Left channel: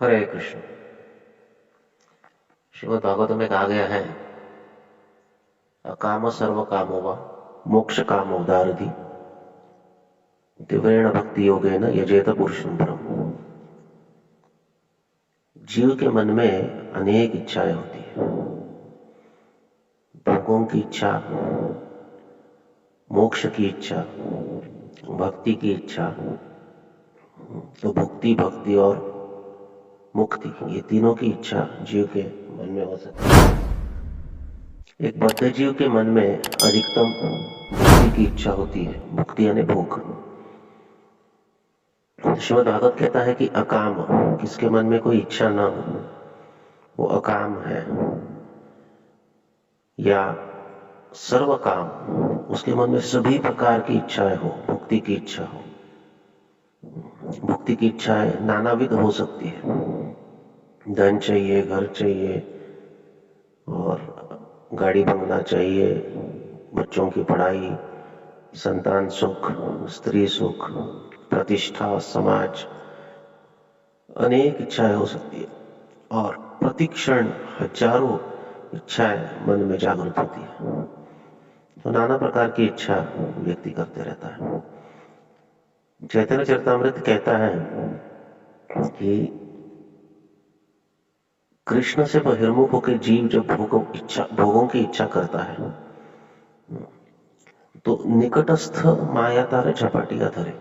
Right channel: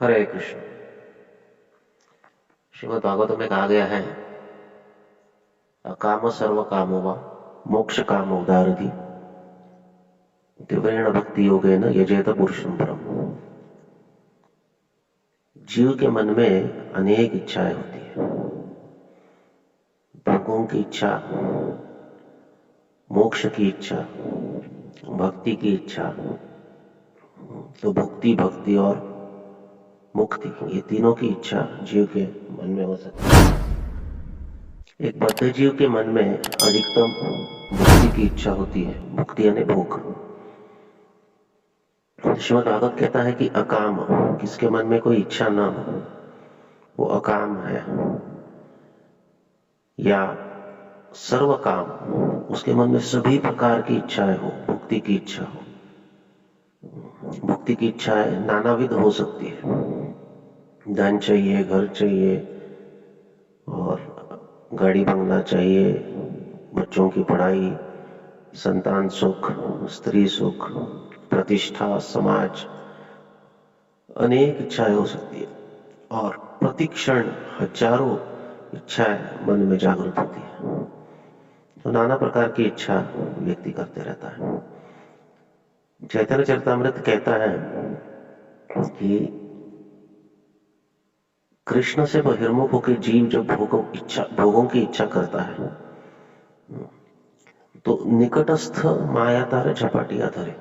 हरे कृष्ण। श्रीमद् भागवत में कहा गया है, अकाम सर्व कामो वा मोक्ष काम उदारधि तीव्रेण भक्ति योगेन यजेत पुरुषं परम। जीव के मन में अनेक इच्छाएं होती है। भोगों की इच्छा, मोक्ष की इच्छा, भक्ति की इच्छा। तो भुक्ति, भक्ति और मुक्ति, ये तीनों की इच्छा जीव के मन में हो सकती है। एक बद्ध जीव के मन में अधिकतम भुक्ति की इच्छा होती है। भुक्ति यानी भूख। श्रीमद् भागवत कहता है कि अकाम, किसके मन में कोई इच्छा ना हो वो अकाम है। या सर्व काम, उसके मन में सभी प्रकार की इच्छाएं हो, भुक्ति की इच्छा हो। भुक्ति की इच्छाएं नानाविध हो सकती है। धन चाहिए, घर चाहिए और गाड़ी बंगला चाहिए, बच्चों की पढ़ाई, संतान सुख, स्त्री सुख, प्रतिष्ठा, समाज, अनेक इच्छाएं हो सकती है। और प्रतिक्षण हजारों इच्छाएं मन में जागृत होती है। तो नाना प्रकार की इच्छा व्यक्ति करते रहता है। चैतन्य चरितामृत कहता है कि कृष्ण से बहिर्मुख होकर जीव जब भोगों की इच्छा करता है तो निकटस्थ माया तारे झपाटिया धरे।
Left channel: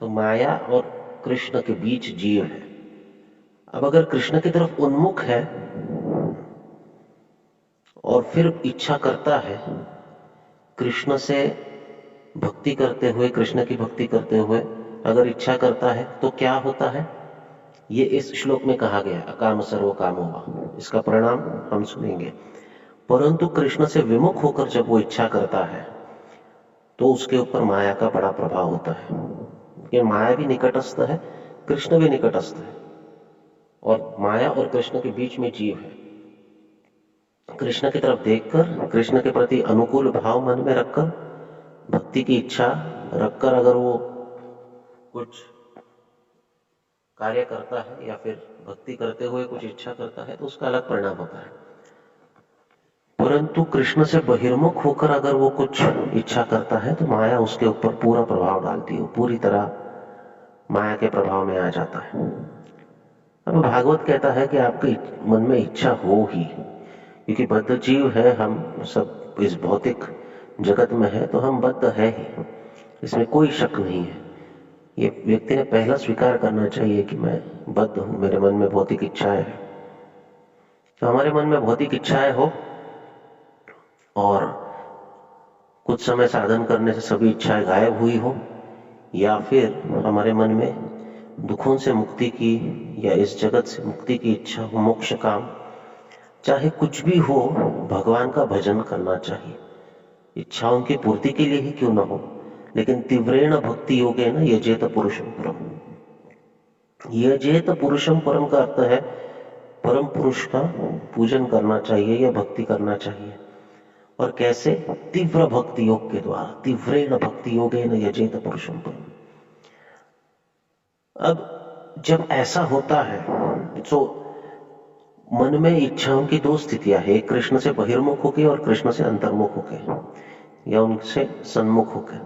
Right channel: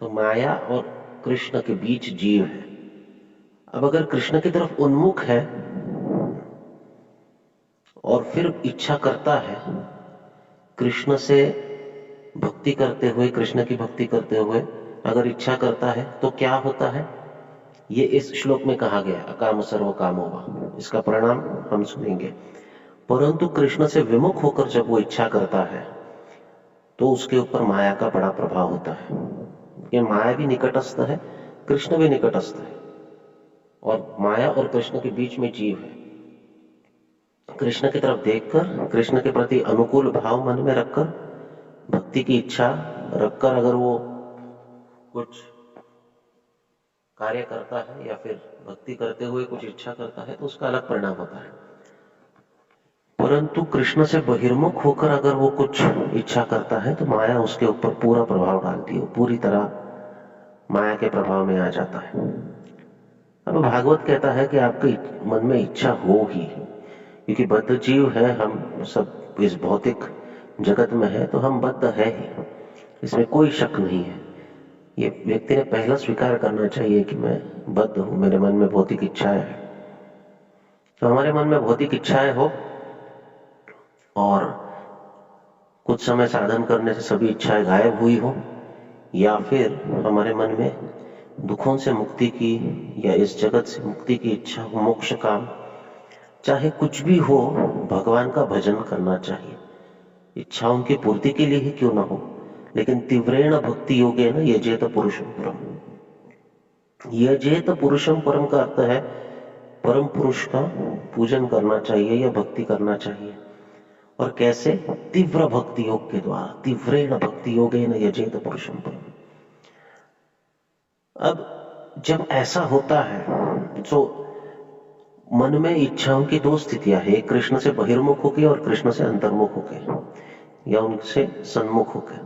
तो माया और कृष्ण के बीच जीव है। अब अगर कृष्ण की तरफ उन्मुख है और फिर इच्छा करता है कृष्ण से भक्ति करते हुए, कृष्ण की भक्ति करते हुए अगर इच्छा करता है तो क्या होता है, ये इस श्लोक में कहा गया, अकाम सर्व कामो वा। इसका परिणाम हम सुनेंगे। परंतु कृष्ण से विमुख होकर जब वो इच्छा करता है तो उसके ऊपर माया का बड़ा प्रभाव होता है। कि माया भी निकटस्थ है, कृष्ण भी निकटस्थ है और माया और कृष्ण के बीच में जीव है। कृष्ण की तरफ देखकर, कृष्ण के प्रति अनुकूल भाव मन में रखकर, भक्ति की इच्छा रखकर अगर वो कुछ कार्य करता है या फिर भक्ति करते हुए कुछ इच्छा करता है तो उसका अलग परिणाम होता है। परंतु कृष्ण से बहिर्मुख होकर अगर वो कुछ इच्छा करता है तो माया उसके ऊपर पूरा प्रभाव डालती है, पूरी तरह माया के प्रभाव में आ जाता है। अब भागवत कहता है कि आपके मन में इच्छा हो ही, क्योंकि बद्ध जीव है, हम सब इस भौतिक जगत में है तो हम बद्ध है ही, इसमें कोई शक नहीं है। ये व्यक्ति ने पहला स्वीकार करना चाहिए कि मैं बद्ध हूं, मेरे मन में भौतिक इच्छाएं है। तो हमारे मन में भौतिक इच्छाएं हो और कुछ समय साधन करने से सभी इच्छाएं गायब हुई हो, या फिर हमारे मन में दुखों से मुक्ति की या इस जगत से मुक्ति की इच्छा हो, मोक्ष काम, चाहे कुछ भी हो, भगवान का भजन करना चाहिए। इच्छाओं की पूर्ति के लिए ही क्यों ना हो, लेकिन तीव्रेण भक्ति योगेन यजेत पुरुषं परम। यजेत पुरुषं परम का अर्थ है परम पुरुष का पूजन करना चाहिए या भक्ति करना चाहिए। और कैसे? तीव्र भक्ति योग के द्वारा। तीव्रेण भक्ति योगेन यजेत पुरुषं परम। अब जब ऐसा होता है तो मन में इच्छाओं की दो स्थितियां है, एक कृष्ण से बहिर्मुख होके और कृष्ण से अंतर्मुख होके या उनसे सन्मुख होके।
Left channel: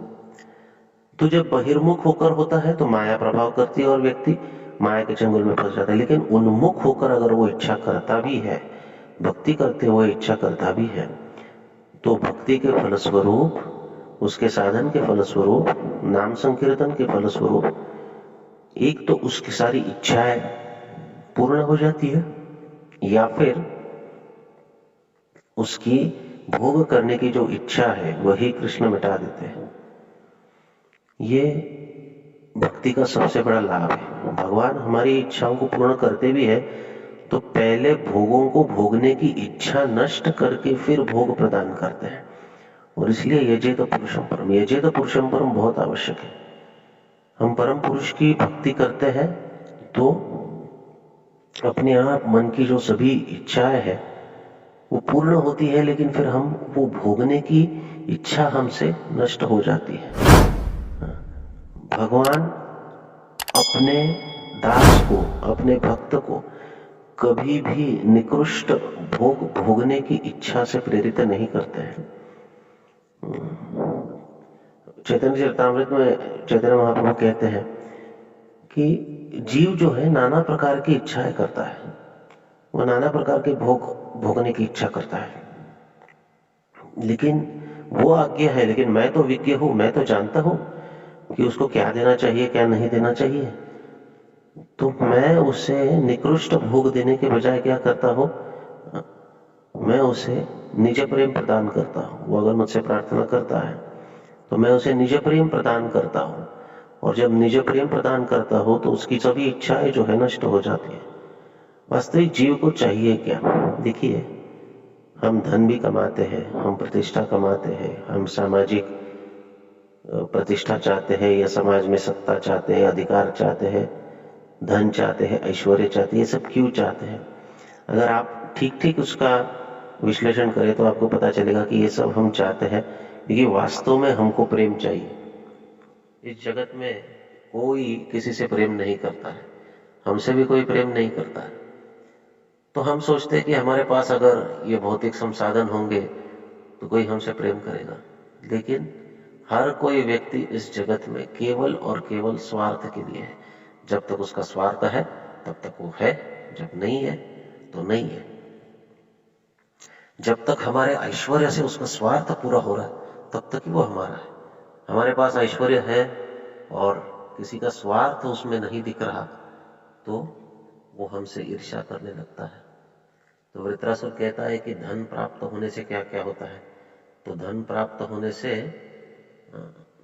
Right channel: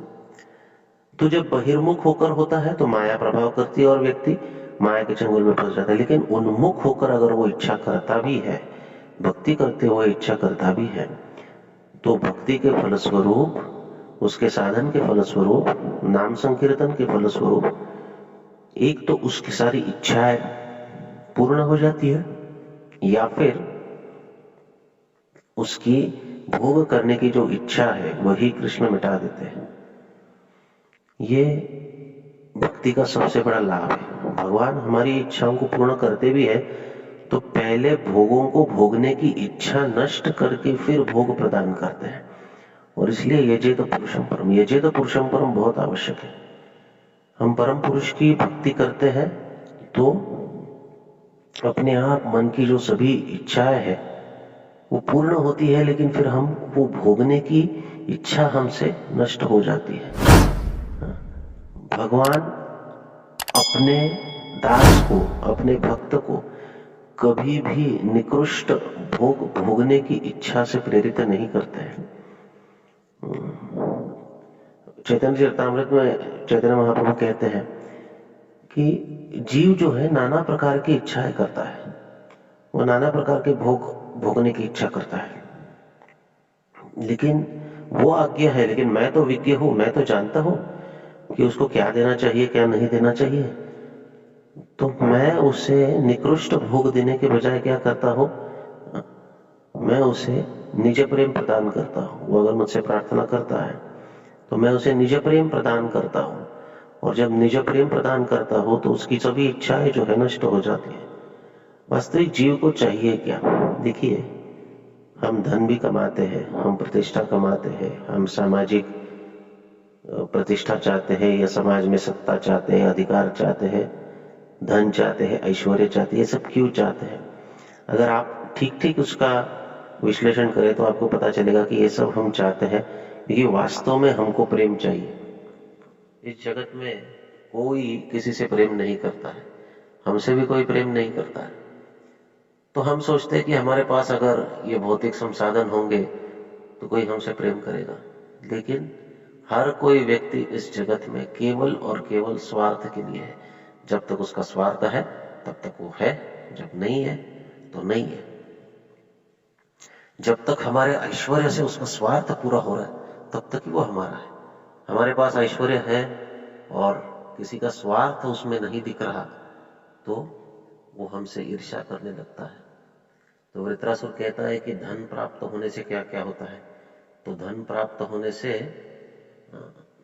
तो जब बहिर्मुख होकर होता है तो माया प्रभाव करती है और व्यक्ति माया के चंगुल में फंस जाता है। लेकिन उन्मुख होकर अगर वो इच्छा करता भी है, भक्ति करते हुए इच्छा करता भी है, तो भक्ति के फलस्वरूप, उसके साधन के फलस्वरूप, नाम संकीर्तन के फलस्वरूप एक तो उसकी सारी इच्छाएं पूर्ण हो जाती है या फिर उसकी भोग करने की जो इच्छा है वही कृष्ण मिटा देते हैं। ये भक्ति का सबसे बड़ा लाभ है। भगवान हमारी इच्छाओं को पूर्ण करते भी है तो पहले भोगों को भोगने की इच्छा नष्ट करके फिर भोग प्रदान करते हैं। और इसलिए यजेत पुरुषं परम, यजेत पुरुषं परम बहुत आवश्यक है। हम परम पुरुष की भक्ति करते हैं तो अपने आप मन की जो सभी इच्छाएं है वो पूर्ण होती है, लेकिन फिर हम वो भोगने की इच्छा हमसे नष्ट हो जाती है। भगवान अपने दास को, अपने भक्त को कभी भी निकृष्ट भोग भोगने की इच्छा से प्रेरित नहीं करते हैं। चैतन्य चरितामृत में चैतन्य महाप्रभु कहते हैं कि जीव जो है नाना प्रकार की इच्छाएं करता है, वो नाना प्रकार के भोग भोगने की इच्छा करता है, लेकिन वो आज्ञा है, लेकिन मैं तो विज्ञ हूं, मैं तो जानता हूं कि उसको क्या देना चाहिए, क्या नहीं देना चाहिए। तो मैं उसे निकृष्ट भोग देने के बजाय क्या करता हूं, मैं उसे निज प्रेम प्रदान करता हूं। वो अगर मुझसे प्रार्थना करता है तो मैं उसे निज प्रेम प्रदान करता हूं, और जब निज प्रेम प्रदान करता हूं तो उसकी सभी इच्छाएं जो है नष्ट हो जाती है। वास्तविक जीव को चाहिए क्या? देखिए, हम धन भी कमाते हैं, हम प्रतिष्ठा कमाते हैं, हम सामाजिक प्रतिष्ठा चाहते हैं, या समाज में सत्ता चाहते हैं, अधिकार चाहते हैं, धन चाहते हैं, ऐश्वर्य चाहते हैं। ये सब क्यों चाहते हैं? अगर आप ठीक ठीक उसका विश्लेषण करें तो आपको पता चलेगा कि ये सब हम चाहते हैं क्योंकि वास्तव में हमको प्रेम चाहिए। इस जगत में कोई किसी से प्रेम नहीं करता है, हमसे भी कोई प्रेम नहीं करता है। तो हम सोचते हैं कि हमारे पास अगर ये भौतिक संसाधन होंगे तो कोई हमसे प्रेम करेगा, लेकिन हर कोई व्यक्ति इस जगत में केवल और केवल स्वार्थ के लिए है। जब तक उसका स्वार्थ है तब तक वो है, जब नहीं है तो नहीं है। जब तक हमारे ऐश्वर्य से उसका स्वार्थ पूरा हो रहा है तब तक ही वो हमारा है। हमारे पास ऐश्वर्य है और किसी का स्वार्थ उसमें नहीं दिख रहा तो वो हमसे ईर्ष्या करने लगता है। तो वृत्रासुर कहता है कि धन प्राप्त होने से क्या क्या होता है? तो धन प्राप्त होने से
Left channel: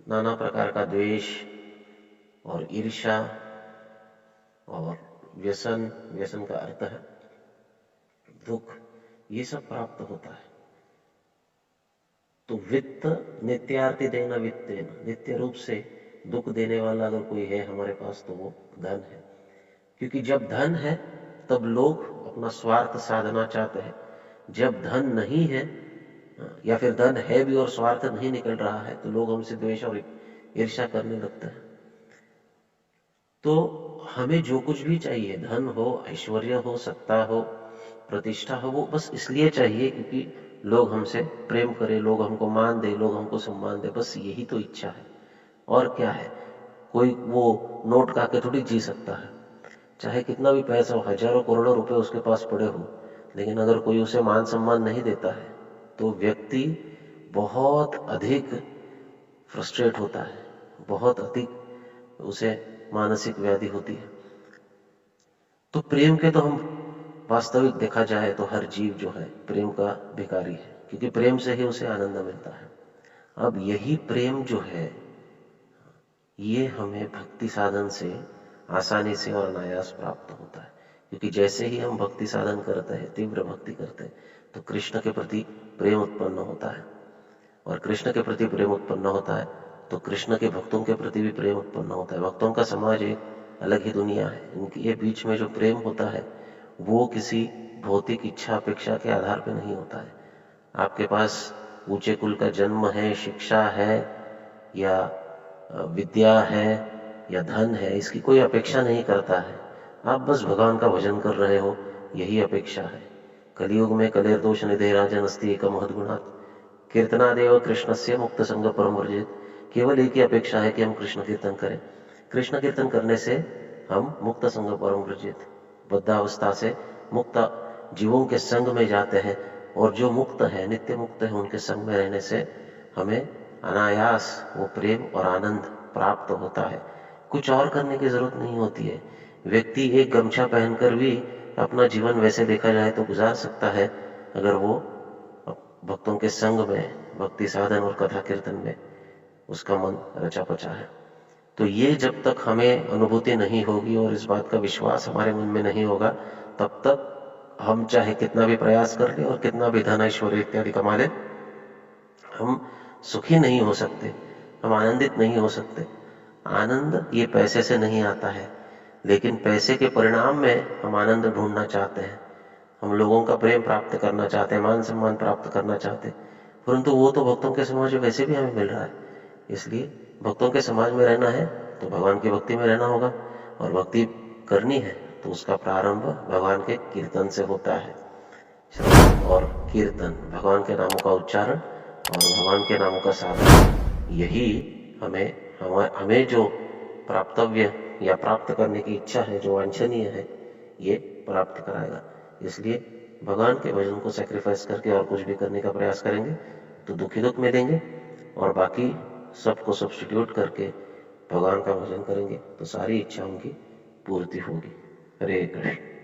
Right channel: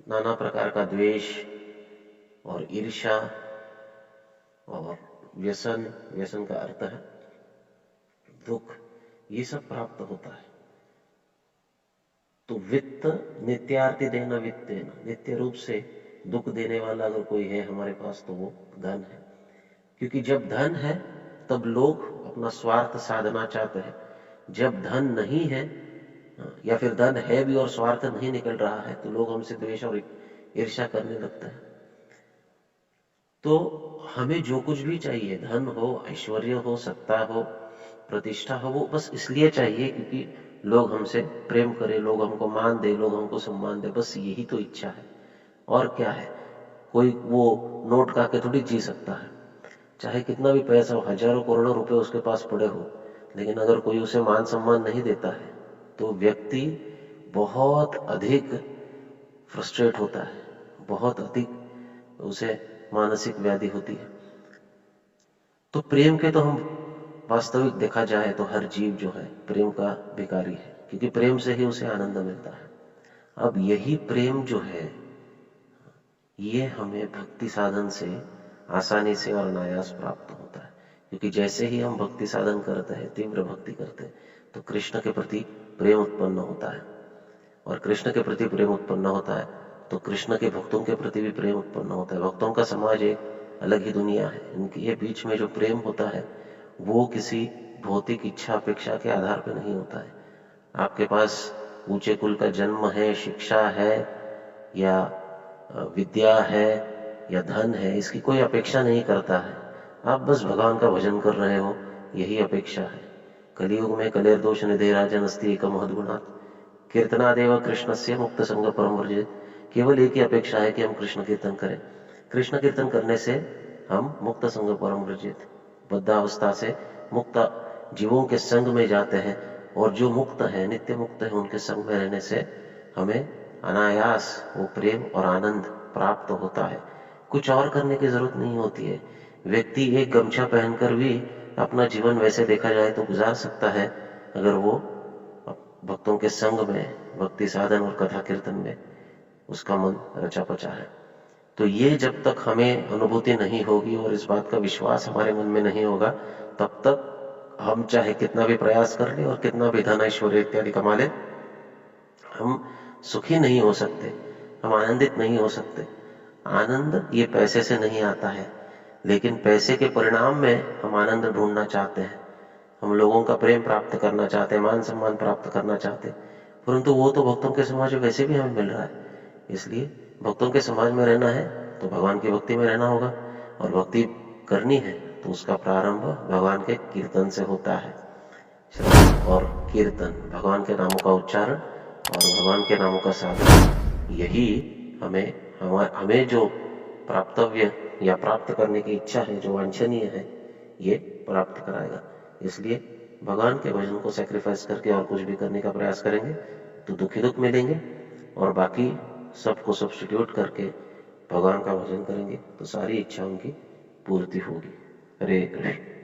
नाना प्रकार का द्वेष और ईर्ष्या और व्यसन, व्यसन का अर्थ है दुख, ये सब प्राप्त होता है। तो वित्त नित्यार्थी देना वित्तेन, नित्य रूप से दुख देने वाला अगर कोई है हमारे पास तो वो धन है। क्योंकि जब धन है तब लोग अपना स्वार्थ साधना चाहते हैं। जब धन नहीं है या फिर धन है भी और स्वार्थ नहीं निकल रहा है तो लोग हमसे द्वेष और ईर्ष्या करने लगते हैं। तो हमें जो कुछ भी चाहिए, धन हो, ऐश्वर्य हो, सत्ता हो, प्रतिष्ठा हो, वो बस इसलिए चाहिए क्योंकि लोग हमसे प्रेम करें, लोग हमको मान दे, लोग हमको सम्मान दे, बस यही तो इच्छा है। और क्या है? कोई वो नोट का के थोड़ी जी सकता है, चाहे कितना भी पैसा हो, हजारों करोड़ों रुपए उसके पास पड़े हो, लेकिन अगर कोई उसे मान सम्मान नहीं देता है तो व्यक्ति बहुत अधिक फ्रस्ट्रेट होता है, बहुत अधिक उसे मानसिक व्याधि होती है। तो प्रेम के तो हम वास्तविक देखा जाए तो हर जीव जो है प्रेम का भिखारी है, क्योंकि प्रेम से ही उसे आनंद मिलता है। अब यही प्रेम जो है ये हमें भक्ति साधन से आसानी से और अनायास प्राप्त होता है। क्योंकि जैसे ही हम भक्ति साधन करते हैं, तीव्र भक्ति करते हैं, तो कृष्ण के प्रति प्रेम उत्पन्न होता है, और कृष्ण के प्रति प्रेम उत्पन्न होता है तो कृष्ण के भक्तों के प्रति भी प्रेम उत्पन्न होता है। भक्तों का समाज एक अलग ही दुनिया है। इनके बीच में जो प्रेम होता है वो किसी भौतिक इच्छा अपेक्षा के आधार पर नहीं होता है। आपके पास ऊंचे कुल का जन्म है, शिक्षा है, या विद्या है, या धन है, इसकी कोई अपेक्षा नहीं करता है। आप बस भगवान का भजन कर रहे हो, यही अपेक्षा है। कलियुग में कलेर दोष निधे राजन अस्ति एक महद्गुणात् कीर्तनादेव कृष्णस्य मुक्त संग परम वर्जित। केवल एक ही अपेक्षा है कि हम कृष्ण कीर्तन करें। कृष्ण कीर्तन करने से हम मुक्त संग परम वर्जित, बद्धावस्था से मुक्त जीवों के संग में जाते हैं, और जो मुक्त है, नित्य मुक्त है, उनके संग में रहने से हमें अनायास वो प्रेम और आनंद प्राप्त होता है। कुछ और करने की जरूरत नहीं होती है। व्यक्ति एक गमछा पहनकर भी अपना जीवन वैसे देखा जाए तो गुजार सकता है अगर वो भक्तों के संग में, भक्ति साधन और कथा कीर्तन में उसका मन रचा पचा है। तो ये जब तक हमें अनुभूति नहीं होगी और इस बात का विश्वास हमारे मन में नहीं होगा, तब तक हम चाहे कितना भी प्रयास कर ले और कितना भी धन ऐश्वर्य इत्यादि कमा ले, हम सुखी नहीं हो सकते, हम आनंदित नहीं हो सकते। आनंद ये पैसे से नहीं आता है, लेकिन पैसे के परिणाम में हम आनंद ढूंढना चाहते हैं, हम लोगों का प्रेम प्राप्त करना चाहते हैं, मान सम्मान प्राप्त करना चाहते हैं, परंतु वो तो भक्तों के समाज में वैसे भी हमें मिल रहा है। इसलिए भक्तों के समाज में रहना है तो भगवान की भक्ति में रहना होगा, और भक्ति करनी है तो उसका प्रारंभ भगवान के कीर्तन से होता है। श्रवण और कीर्तन, भगवान के नामों का उच्चारण और भगवान के नामों का साधन, यही हमें जो प्राप्तव्य या प्राप्त करने की इच्छा है, जो वांछनीय है, ये प्राप्त कराएगा। इसलिए भगवान के भजन को सैक्रिफाइस करके और कुछ भी करने का प्रयास करेंगे तो दुख ही दुख मिलेंगे, और बाकी सबको सब्स्टिट्यूट करके भगवान का भजन करेंगे तो सारी इच्छा उनकी पूर्ति होगी। हरे कृष्ण।